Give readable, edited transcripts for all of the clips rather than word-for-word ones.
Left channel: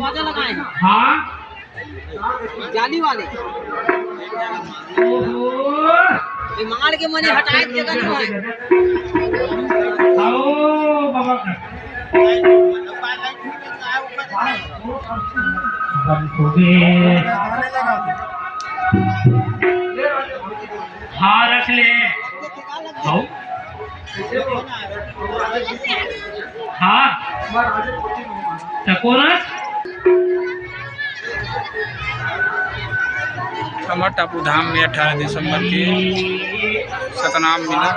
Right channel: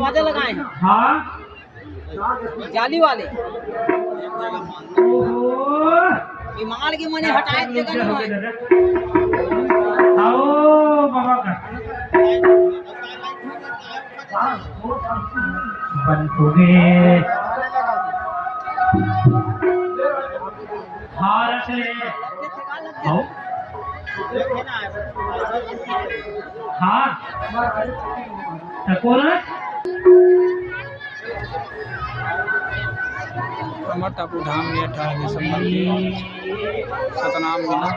दरवाजे लगाए हैं। हाँ जाली वाले ये मार के मैंने हटाए जगह नहीं है। आओ बाबा का बनोगे। हाँ रख ले। आओ हाँ टकोरस कमर टापू धाम में 18 दिसंबर के सतनाम मिला।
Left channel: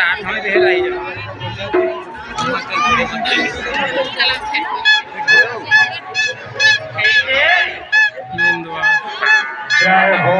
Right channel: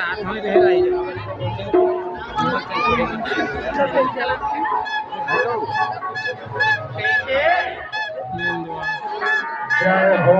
आठ में देर आई जय हो